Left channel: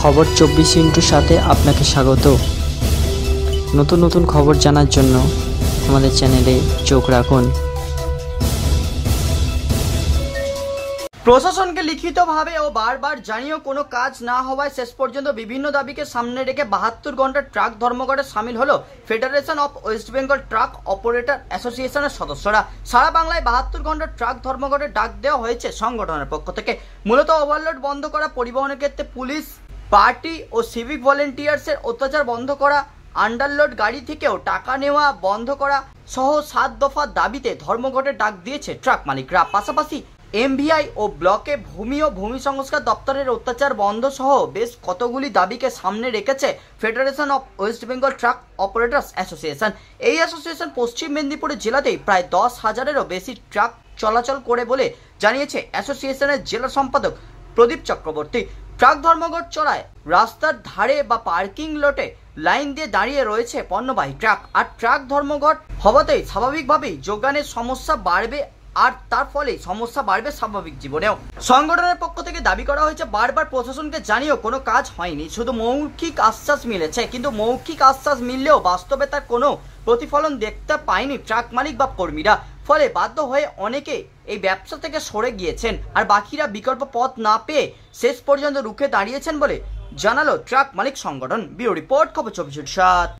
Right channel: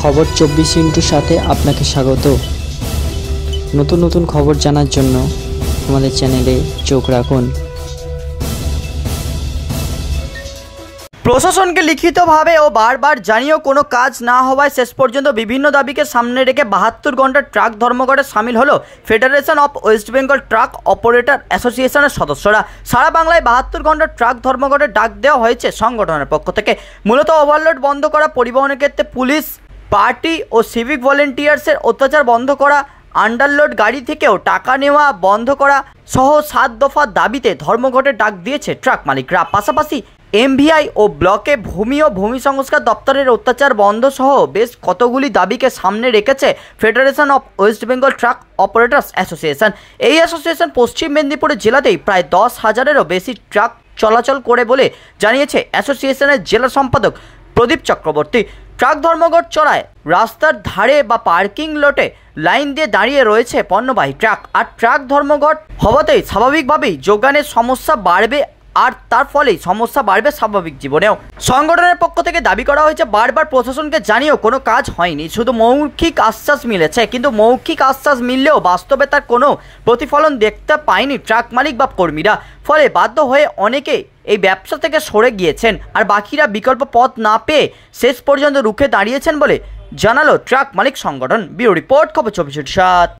খবর 24 সাথে আপনাকে স্বাগত। নতুন নতুন খবর জানার জন্য আমাদের চ্যানেলে চোখ রাখুন। প্রশাসনকে লিখিতভাবে ও বারবার জানিয়েও কোনো কাজ না হওয়ায় শেষ পর্যন্ত বিভিন্ন দাবিকে সামনে রেখে 72 ঘন্টার ট্রাক ধর্মঘটে সামিল হলো federation of West Bengal truck operator অ্যাসোসিয়েশনের সদস্যরা। সারা বাংলায় 72 ঘন্টার ট্রাক ধর্মঘটে ডাক দেওয়া হয়েছে সংগঠনের পক্ষ থেকে। মূলত ওভারলোড বন্ধ করা, পরিবহনের ক্ষেত্রে পুলিশ, পার্টি ও সিভিক ভলেন্টিয়ার্সের অত্যাচার বন্ধ করা, আন্ডারলোড গাড়ি থেকেও টাকা নেওয়া বন্ধ করা সহ 7 দফা দাবিতে ধর্মঘটে ডাক দিয়েছে ট্রাক মালিকরা। পাশাপাশি এমভিআই ও ব্লকে ভূমি ও ভূমি সংস্কার দপ্তরের অত্যাচার বন্ধ সহ বেশ কতগুলি দাবিকে সামনে রেখেছে federation of West Bengal truck operators association. এই অ্যাসোসিয়েশন পশ্চিম মেদিনীপুরের জেলাতেই প্রায় 10,000-এরও বেশি ট্রাক চলাচল করে বলে জানিয়েছে অ্যাসোসিয়েশনের জেলা সম্পাদক প্রদীপ চক্রবর্তী। ট্রাক ধর্মঘট চলায় রাস্তার ধারে বা পার্কিং লটে লাইন দিয়ে দাঁড়িয়ে রয়েছে পণ্যবাহী ট্রাক। আর ট্রাক ধর্মঘট হওয়াতেই স্বাভাবিকভাবেই যোগানের সমস্যা বাড়বে, আর তার ফলেই সমস্যা বাড়বে স্বাভাবিক জীবনেও। সংগঠনের পক্ষ থেকে দাবি করা হয়েছে, বারবার প্রশাসনকে জানিয়েও কোনো কাজ হয়নি, শুধু মৌখিক আশ্বাস মিলেছে। কিন্তু মৌখিক আশ্বাস মিললেও বাস্তবে তার কোনো প্রতিফলন দেখতে পায়নি ট্রাক মালিক বা কর্মীরা। ফলে বাধ্য হয়ে অনেকে এই ব্যবসা থেকে সরে গিয়েছেন, আর বাকিরা বিকল্প পথ না পেয়ে শেষ পর্যন্ত রুখে দাঁড়িয়েছেন বলে জানালো ট্রাক মালিক সংগঠন। ব্যুরো রিপোর্ট, খবর 24/7।